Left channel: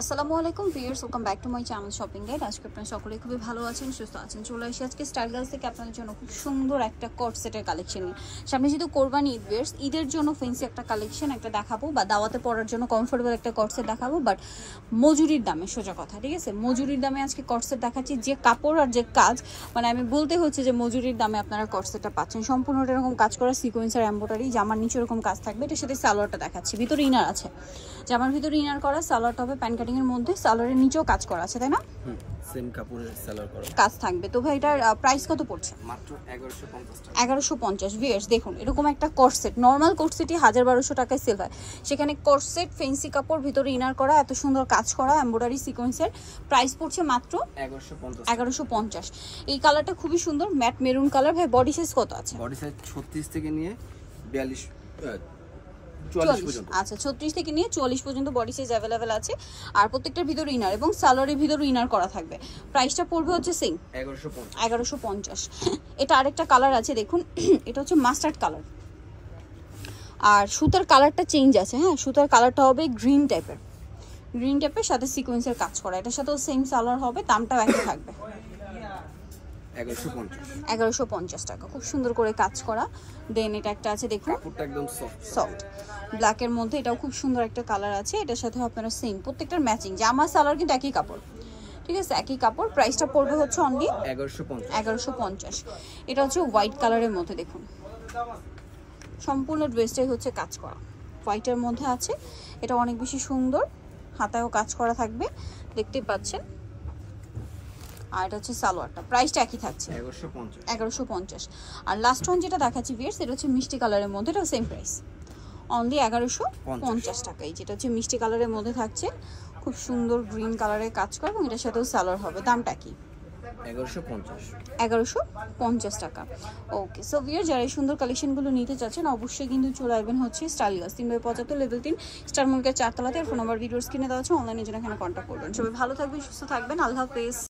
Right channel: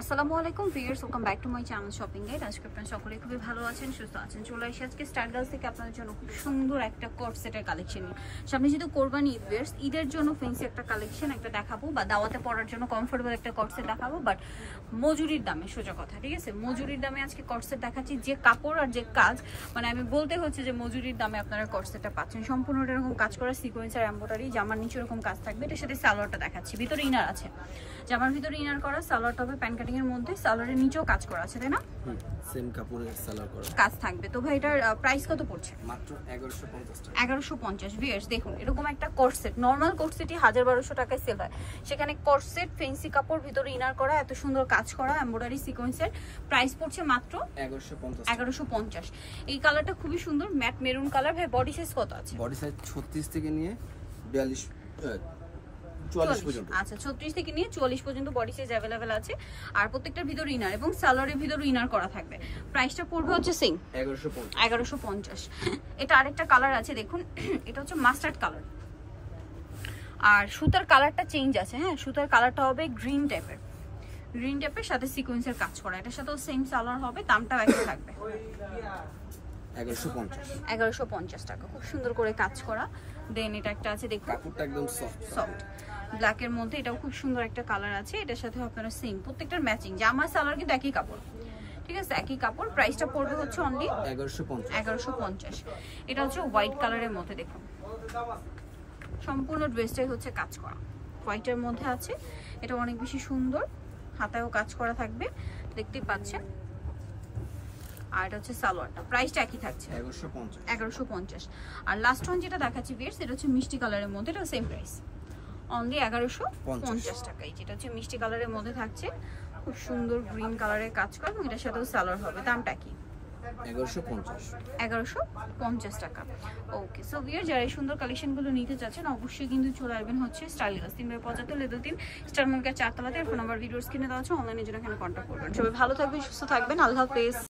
আসসালামু আলাইকুম viewers, welcome back to my channel shopping guide. আজকে আপনারা সকলেই খুবই ভালো আছেন, সুস্থ আছেন। চলে আসি আজকে স্টাইল গার্লস থেকে আপনাদের জন্য খুব সুন্দর একটা কোট সেটের কালেকশন নিয়ে। সামনে যেহেতু কোরবানি ঈদ, ভিউয়ার্স ঈদের জন্য ফেন্সি একটা কালেকশন একটা দেখাবো, বা দাওয়াতে পরার জন্য কমফোর্টেবল একটা কোট সেট দেখাবো, বাট মজুরির দামে, সোজা কথা, ঠিক আছে? মজুরির দামে আজকে কোট সেট দেখাচ্ছি। যে কাপড় আর যে কাজ, মানে আমি বলতে হচ্ছে যে মজুরির দামে আপনারা কোট সেটটা পাচ্ছেন। সম্পূর্ণ এরকম কাজ করা সিকোয়েন্সের এমব্রয়ডারি, জামার নিচে এরকম কাজ থাকবে। এটার সাথে সালোয়ারটা দেখাচ্ছি, ভিতরে ইনার আছে, জামার ভিতরে ইনার করা, সালোয়ারটা হবে প্যান কাটিং এর মধ্যে, সালোয়ারের নিচেও কাজ করা আছে, তাই না? সেম কাপড়ের সালোয়ার করা কাজ থাকবে। তো ভাই এটার প্রাইস কত পড়ছে? মাত্র 1150 টাকা। 1150। ভিউয়ার্স দেখুন, এরকম একটা কটসেট, নরমাল কটসেটই 1200 টাকায় সেল হয়, সেখানে কটসেট ফেন্সি কাপড়, ভিতরে ইনার করা, এত সুন্দর কাজ করা এমব্রয়ডারি সিকোয়েন্সের, প্রাইস পড়ছে মাত্র 1150। এই কালারটা খুবই সুন্দর, ম্যাট মেরুন কালার। ভাই বডি সাইজ কত আছে? বডি সাইজ 36 থেকে নিয়ে 44 পর্যন্ত। আচ্ছা, 36 থেকে নিয়ে 44 পর্যন্ত বডি সাইজ अवेलेबल আছে। আর প্রত্যেকটার ভিতরে ইনার এবং সালোয়ারের ভিতরে ইনার করা থাকবে। প্রাইসটা পড়বে হচ্ছে সেম 1150। এটা আরেকটা কালার আছে, দেখুন এটা হচ্ছে মাস্টার্ড কালার, আর সুতার কালারটা চেঞ্জ আছে। হ্যাঁ, সুতার কালারটা হবে গ্রিন টাইপের, সাথে সিকোয়েন্সের কাজ করা। এটার সাথেও সেম সালোয়ার হবে, দামটাও একই থাকবে 1150 টাকা। খুব সুন্দর করে কাজ করা। দেন এটা একটা আছে, দেখুন কাপড়টা একদম সফট ব্ল্যাক এর মধ্যে, এটাও খুব সুন্দর একটা কালার আছে। এটার সাথে আপনারা সেম প্রত্যেকটার ম্যাচিং, জামা সালোয়ার কিন্তু একই কাপড়, ঠিক আছে, একই কাপড়। প্রাইসটা পড়বে হচ্ছে অনলি 1150। এটা হচ্ছে হোয়াইট কালারের মধ্যে, দেখুন সম্পূর্ণ ড্রেসটাই হচ্ছে কাজ করা, হোয়াইটের মধ্যে আছে। এটা অনেক বেশি সুন্দর, হাতায়ও কাজ করা থাকবে, দেখতে পাচ্ছেন। আর এটা হচ্ছে সালোয়ারটা, প্রাইসটা একই থাকছে 1150। আর লাস্ট ওয়ান যেটা দেখাচ্ছি ভিউয়ার্স, এটা হচ্ছে মিষ্টি কালারের মধ্যে, এটা সেম প্রাইস অনলি 1150 টাকাই। যেটা হচ্ছে মিষ্টি কালারের মধ্যে থাকছে, খুব সুন্দর গ্রিন কালারের কাজ করা, এবং এটার সাথেও সালোয়ার হবে। দামটা কি? 1150 টাকা। ওকে, সো ভিউয়ার্স যারা এই সুন্দর কালেকশনগুলো নিতে চাচ্ছেন, অবশ্যই কিন্তু চলে আসবেন হচ্ছে style girls 3/75 level 3 star market 4 তলাতে। আর ফোন নাম্বার ভিডিওস কিনে দেওয়া আছে, অনলাইনে জন্য এখানে কন্ট্যাক্ট করবেন। সবাই ভালো থাকবেন, সুস্থ থাকবেন, আল্লাহ হাফেজ।